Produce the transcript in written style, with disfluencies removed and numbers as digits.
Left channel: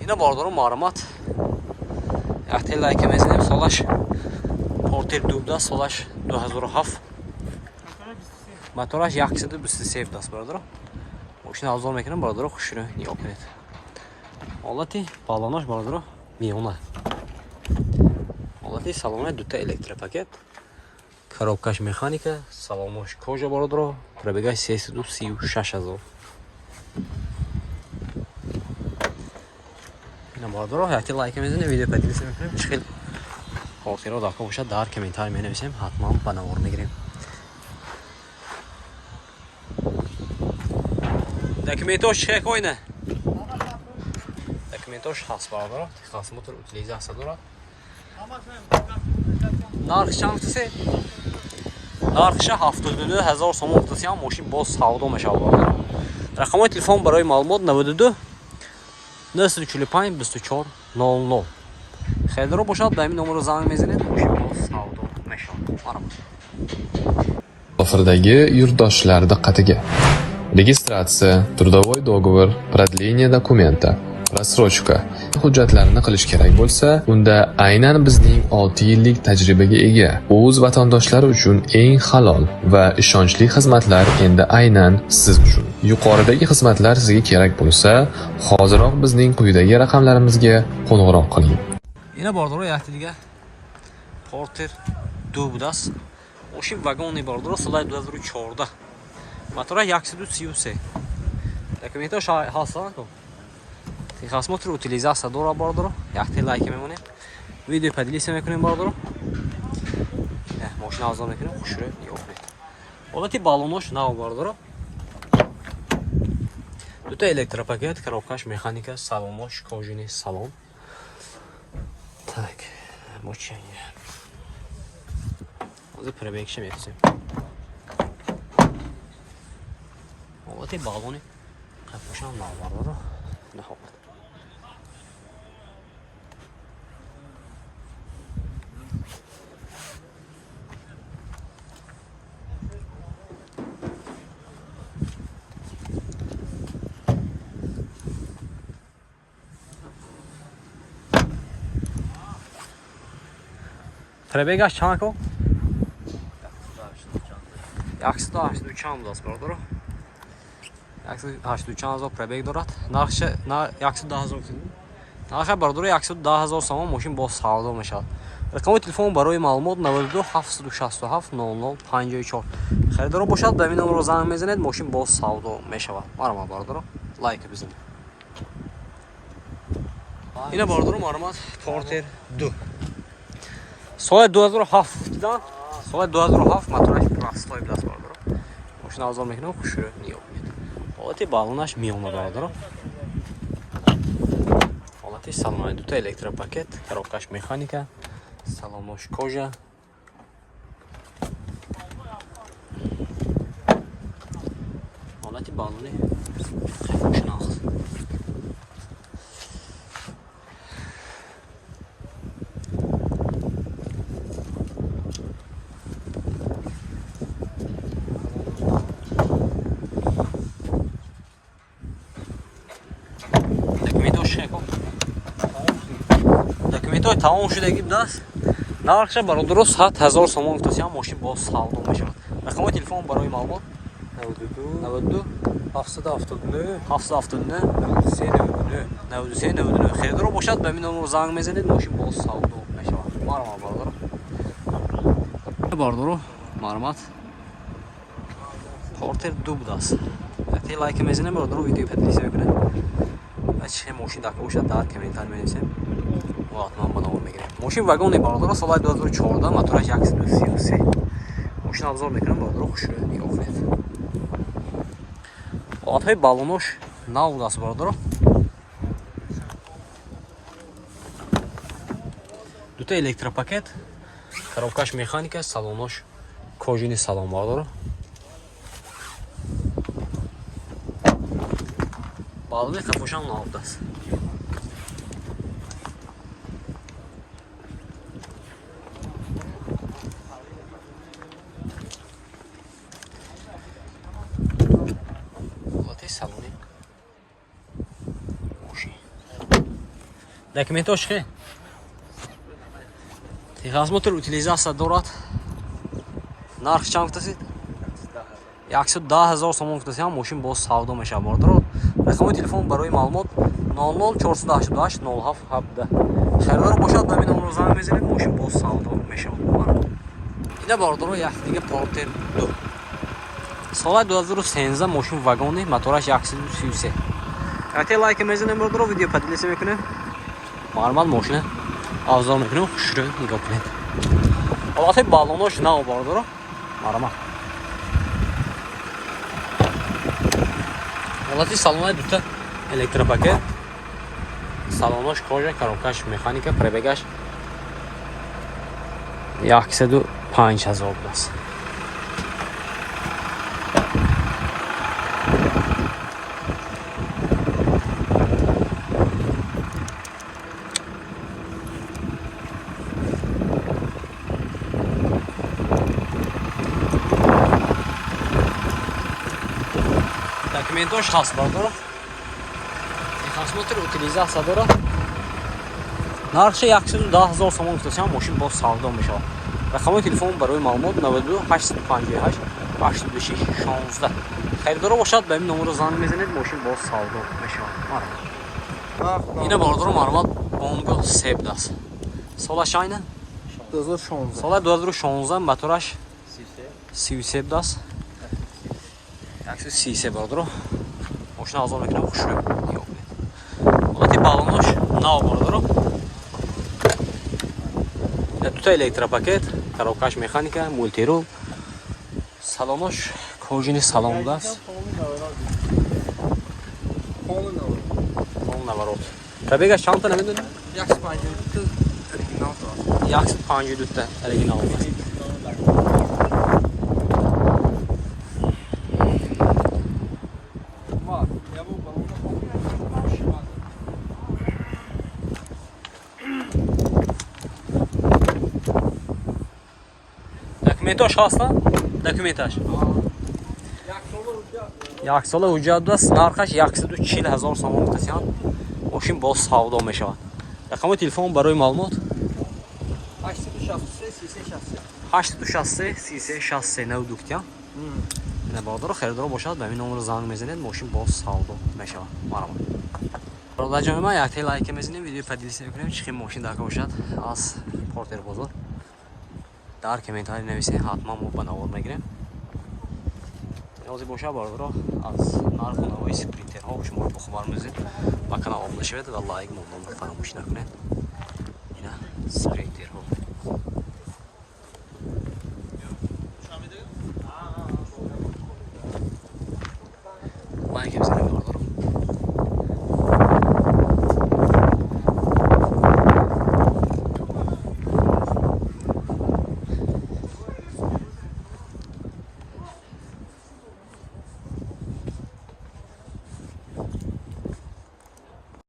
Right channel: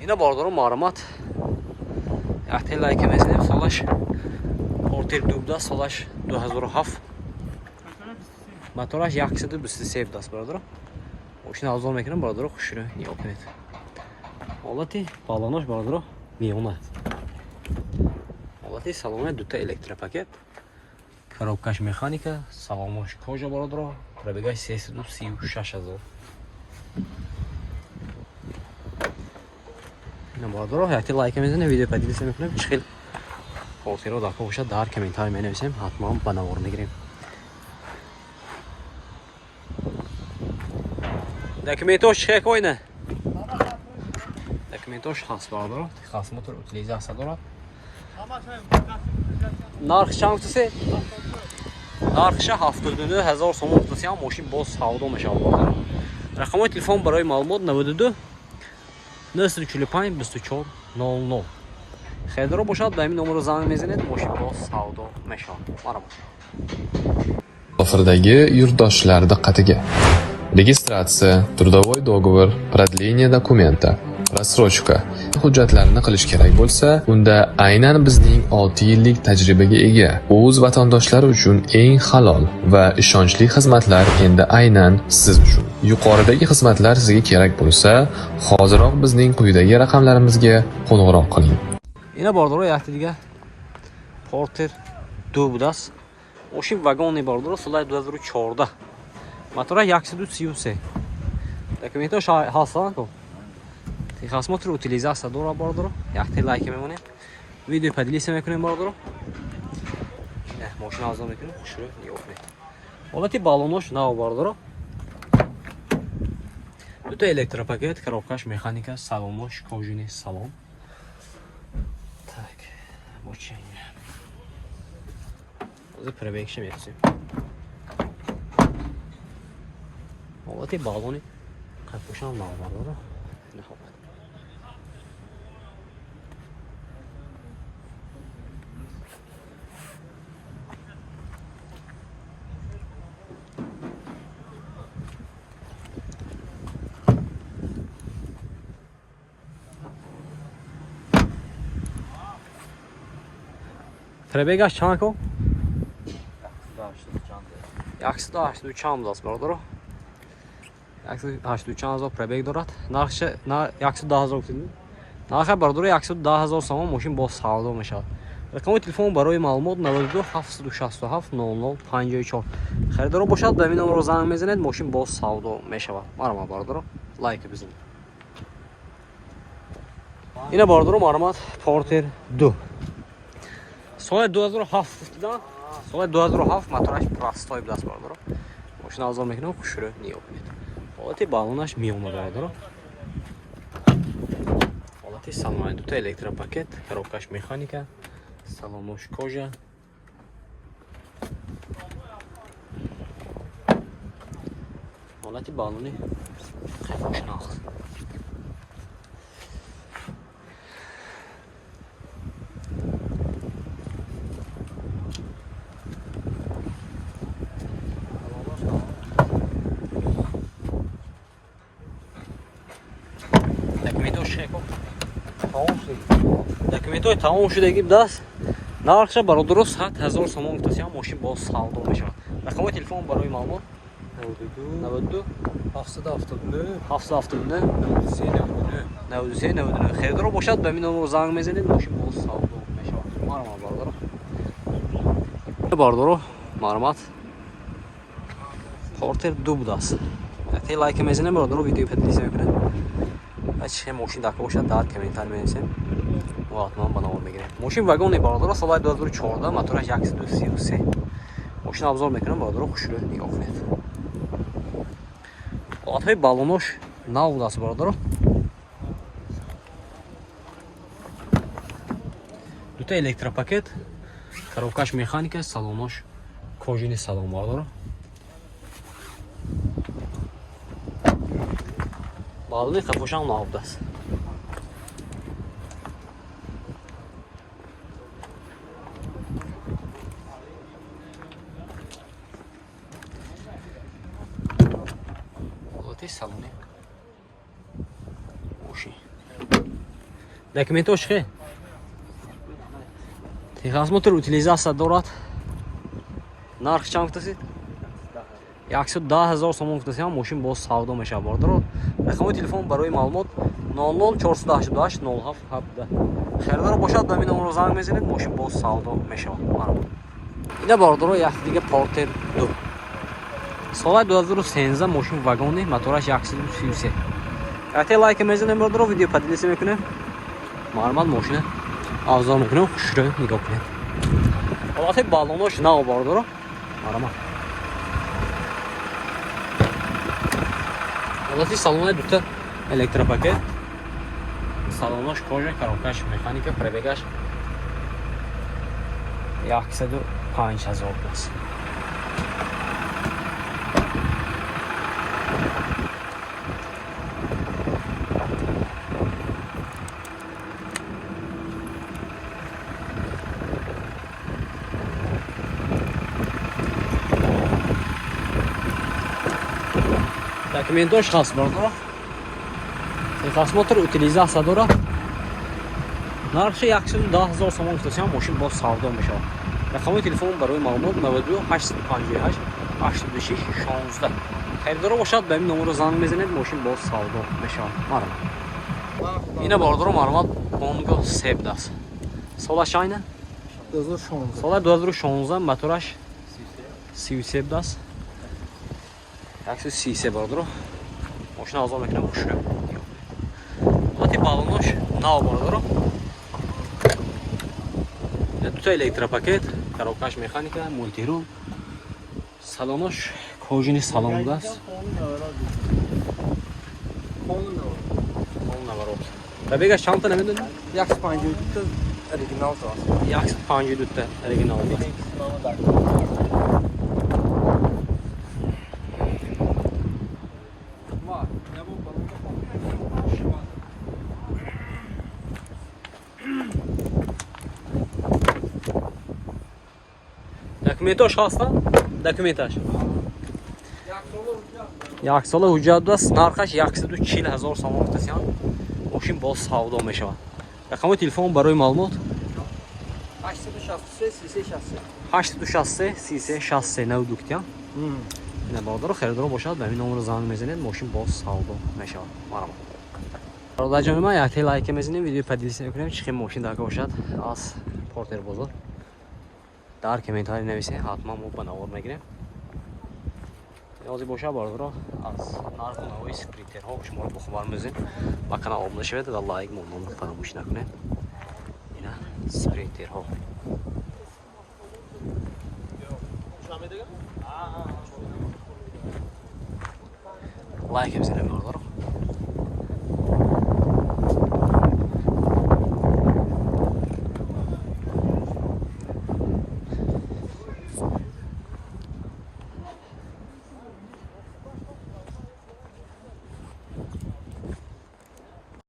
اینا باردارو معلومات وقتی لایک میزنیم سالش پورتر 12 سالش 2007 موتورش 123 دست باردارو ماشین افضل میکنم باردارو خوش رو نگاه کنید حالتی بالانش باردارو میونه حالتی سالن دوتا الکتروپاکت коробкаш механика салонаш кожа باردارو пробегаш 336,000 اینا باردارو وقتی لایک میزنیم ویدیو پادیس میکنیم چخیل خاطرات داخل باشه در کامنتار می نویسیم حتما بنوار میگیریم داکومنتاش چه کوینه داکومنتاش هست باردارو خاص موتور утилизация دارد нарх чандсе нархш 72000 сом гуфтам мошин боз савдо мешавад рақамои телефон барои маълумот 92 945 24 00 хелро бошад ба ин номеро занг мезанед мошин боз савдо мешавад маромад Ofirdagi yurtdoshlar diqqatiga. Registratsiya, трудовой договор, продление документа, рассрочка hujjatlarini qilish kerak bo'lsa, unda aynan bizning 6 yillik tajribaga ega o'z vatandoshlari uchun eng halol va ishonchli xizmatlar endi aynan siz uchun. Yuqoridagi xizmatlar sizga kerak bo'lsa, hoziroq bizning quyidagi raqamlarimizga qo'ng'iroq qiling. Ina bordoro yaxti diga Porter 2 budas. Мошин вагони бардоро солай 2014 мотора 133 документаш ҳастан то техосмотр утилизация дора бардоро яхте лайк мемонем видео поделиться мекунем бардоро мошина авзо мекунем хушро ёфнед ҳолати балонош нав бардоро дута электропакет коробкаш механика салонош кожуни салон так мошин Hozir prebekishim etsin. Olati baloni qapushan navbarda. Nihoyat. Prebegash chanko? 182 دست باردارو 182,000 پربگ دارد نرخش 110,000 نرخ باردارو 110,000 سوم ماشین با سودا میشود رقم تلفن برای معلومات 92 767 0054 خریدار باشد به این نمره زنگ میزنید ماشین با سودا میشود مرا باردارو لایک بزنید اینا باردارو معلومات پورتر 2 سال 2007 دیدن سال 2007 موتورش простой دست باردارو ماشین افضل میکنم خوش رو نگاه کنید حالتی بالونش میونه باردارو حالتی سالن دوتا الکتروپاکت коробкаш механика салонош кожа حالتی بالونی خوشناخ документҳои тамом шудагӣ будаст нархша бародаро 100,000 сомон гуфтасиам мошин бо савдо мешавад рақамои телефон барои маълумот 92 779 779 93 99 херидаро бошад ба мин номеро занг мезанед мошин бо савдо мешавад маромад бародаро бародаро маълумот портер 2 будаст вақте лайк мезанем бародаро видео поделиться мекунед چه ماشین داخل باشد در کامنتار می‌نویسیم و حتما بنوار میگیریم ماشین واگن باردارو سال 2014 موتورش 133 ماشین ابزار میکنم باردارو خوش رو نگاه کنید حالتهای بالونش نو دست باردارو دوتا الکتروپاکت коробкаш механика салонош кожуни салон باردارو балони қафошам навдаст салони мошин Документош хе. Техосмотр утилизация дорад. Нарх чанд гуфтасид? 110,000 сомон гуфтасид. Мошин боз савдо мешавад бардор. Рақами телефон барои маълумот 00488 0717. Харидор бошад ба мин номро занг мезанед, мошин боз савдо мешавад. Ина бардор як дига Porter 2. Соли 2013 мошин вагони, мотораш 133. Ягте лайк мезанед бардор, видео падилиса мекунед. Маълумот мошина авзо мекунем, хушро нигоҳ кунед. Ҳолати балонош нав бардор. Маълумот. Ҳолати салони дута электропакет. Салонош кожа, коробкаш механика, пробегаш 105,000 аст. Документош ҳаст бардор. Техосмотр утилизация дорад. Нархи 110,000 сомон гуфтасид, мошин боз савдо мешавад. Рақами телефон барои маълумот 92 858 86 16. Харидор бошад ба ин номро занг мезанед, мошин боз савдо мешавад. Маълумот. Ина бардор маълумот Bongo Sebd аст. Солаш айна? 2016. Соли 2016 мотораш 37 аст. 130 бардор. Мошина озод мекунам, хушро. Ҳолати балонош нав бардор. Дута электропакет, коробкаш механика, мультирул. Салонош кожини салон даст. Пол наворот. Пробегаш чанд та намедонем? 152 оригинал аст. 152 та оригинал даст. Документош ҳаста? Документаш. Як сола ҳуҷҷат аст. Нархаш 140,000 сомон гуфтасид. Мошин боз савдо мешавад. Рақами телефон барои маълумот 863 33 63 92 гуфтия. Ина бардор харидор бошад ба ин номро занг мезанед, мошин боз савдо мешавад. Маълумот. Бародарҷони ман якте лайк мезанем, видео падилиса мекунем, чӣ хел мошин дака бошад аз Porter бозор. Дар комментарий нависед, ҳатман мо ба навод мегирем. Ниёзе боша бардор аз нарху навои спринтерҳо шуморо бохабар мезанед. Ба канал обуна шавед ва лайк мономро фаромӯш накунед. Ина спринтерҳо. Лайк бизанед.